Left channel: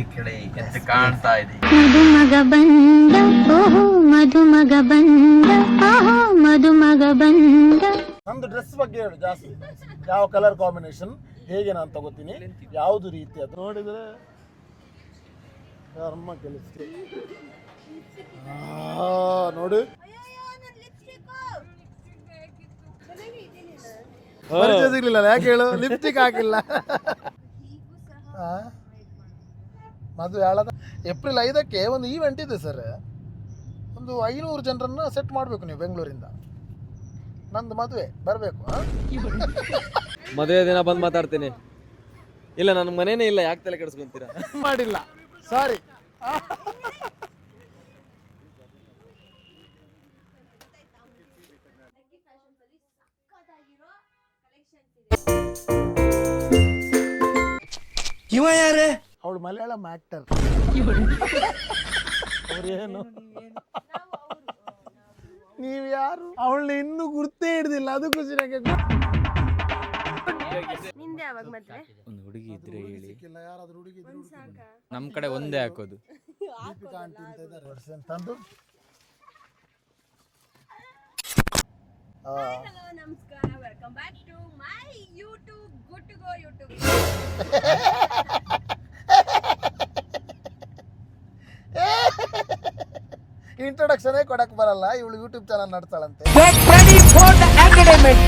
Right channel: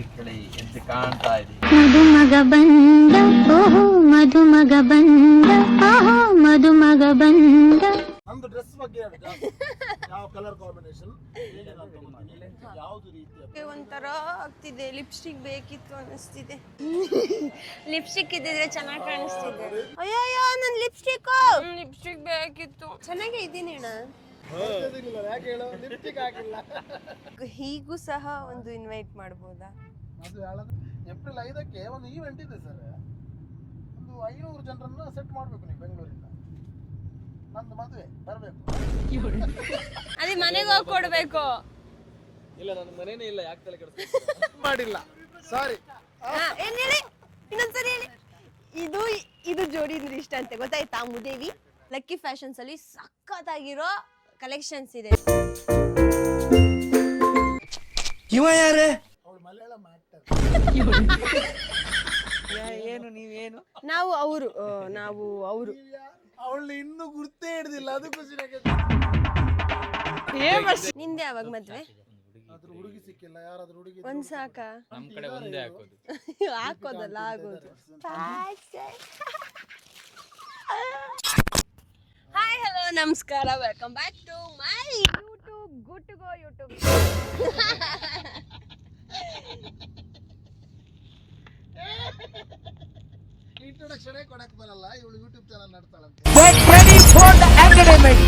ನೀಲಿ ಕೆಳೆ ಎಷ್ಟು ಕಾಣ್ತಾ ಇದೆ. ಮದುಮಗ ಬಂದ ಓಹೋ ಮದುಮಗ ಬಂದ ಓಹೋ ಮದುಮಗ ಬಂದ. ನಮ್ದು ಡ್ರೆಸ್ ಬಗ್ಗೆ ಹೇಳಿ ಜಾಸ್ತಿ. ಯಾವ ಕಲರ್ ಕಾಂಬಿನೇಷನ್ ಹೇಗೆ ನಾನು ತಗೋತೀನಿ, ಯಾವ್ದು ರೀತಿ ಅದು ನೋಡಿದ್ರೆ ಆಗ್ತಿದೆ. ಲಿಪ್ಸ್ಟಿಕ್ ಬೇಕಿತ್ತು ಅನಿಸ್ತಿದೆ. ಲಿಪ್ಸ್ಟಿಕ್ ಇದ್ದಿದ್ರೆ ಚೆನ್ನಾಗಿ ಕಾಣಿಸ್ತಿದೆ. ನೋಡಿ ಅಯ್ಯಯ್ಯೋ ನನ್ ಲಿಪ್ಸ್ಟಿಕ್ ಬೇಕಿತ್ತು. ಚೆನ್ನಾಗೇ ಇದ್ದೀನಿ ಅಣ್ಣ. ಪರಿಚಯ ಸಿಗ್ಲಿಲ್ಲ ಯಾಕೆ ಹೇಳು, ಲಿಪ್ಸ್ಟಿಕ್ ಹಾಕಿಲ್ಲ. ಹೀಗೂ ಸಹ ಒಂದು ಇನ್ವೈಟ್ ಮಾಡ್ಬೋದಾ? ಮದುವೆ ಹೇಳದ ಏಪ್ರಿಲ್ 5ಕ್ಕೆ ಒಂದು ಈವೆಂಟ್ ಇದೆ ಸರ್. ಒಂದು 500 ಜನರನ್ನ ಸೆಟ್ ಮಾಡಬೇಕು ನೀವು ಬೆಂಗಳೂರಿಂದ. ನಂದು ಮದುವೆ ಬರಬೇಕು. ಮದುವೆ ದಿನ ಬಂದು ಮಾತಾಡ್ತೀನಿ. ಇಲ್ಲ ನನ್ನ ಮನೇನೇ ಇಲ್ಲ, ಯಾಕೆ ತಲೆ ಕೆಡಿಸ್ಬೇಕು ಮಾಡಿಲ್ಲ ಸಾರಿ. ಇನ್ನೊಂದ್ಸರಿ ಹೇಳಿ. ಇದು ಜೋಡಿ ಅಂದ್ರೆ ಇಷ್ಟ ಅಂತೆ ಗೊತ್ತಾಯ್ತಾ? ಮುದೇವಿ ಲಕ್ಕಿ ಫ್ಯಾಷನ್ಸ್ ಅಲ್ಲಿ ಸಖತ್ತಾಗಿರೋ ಕಲೆಕ್ಷನ್ಸ್ ಇದೆ. ಇವ ಯಾರೇ? ಅವಳು ಮಲಯಾಳಂ ಆಕ್ಟರ್. ನಾವು ಅವರು ನೀವು ಯಾರು? ಅವಳನ್ನ ಇನ್ನೂ ಗುರ್ತೇ ಹಿಡ್ದಿಲ್ಲ, ಅದು ಖುಷಿ ನನಗೆ. ನಿಂದೆ ಯಾವಾಗ ಮದ್ವೆ? ಒಂದು ಹುಡುಗಿ ಇದ್ರೆ ಹೇಳಿ. ಸಿಕ್ಕಿಲ್ಲ, ಯಾರಾದ್ರೂ ಹುಡುಗಿ ಒಂದ್ ಸಾಕ? ನಮ್ ಕಡೆ ಒಂದೇ ಹಾಕೋದು. ಹಾಕೋದಲ್ಲ ಆಗೋದು. ಹಾಯ್ ಹಲೋ ನಮಸ್ಕಾರ, welcome back to my YouTube good to go YouTube. Introduction ಕೊಡಕ್ ಬರಲ್ಲ, ಇವಳು ಯೂಟ್ಯೂಬ್ ಚಾನಲ್ ನಡ್ತಾಳಂತೆ. Get ready for the academic.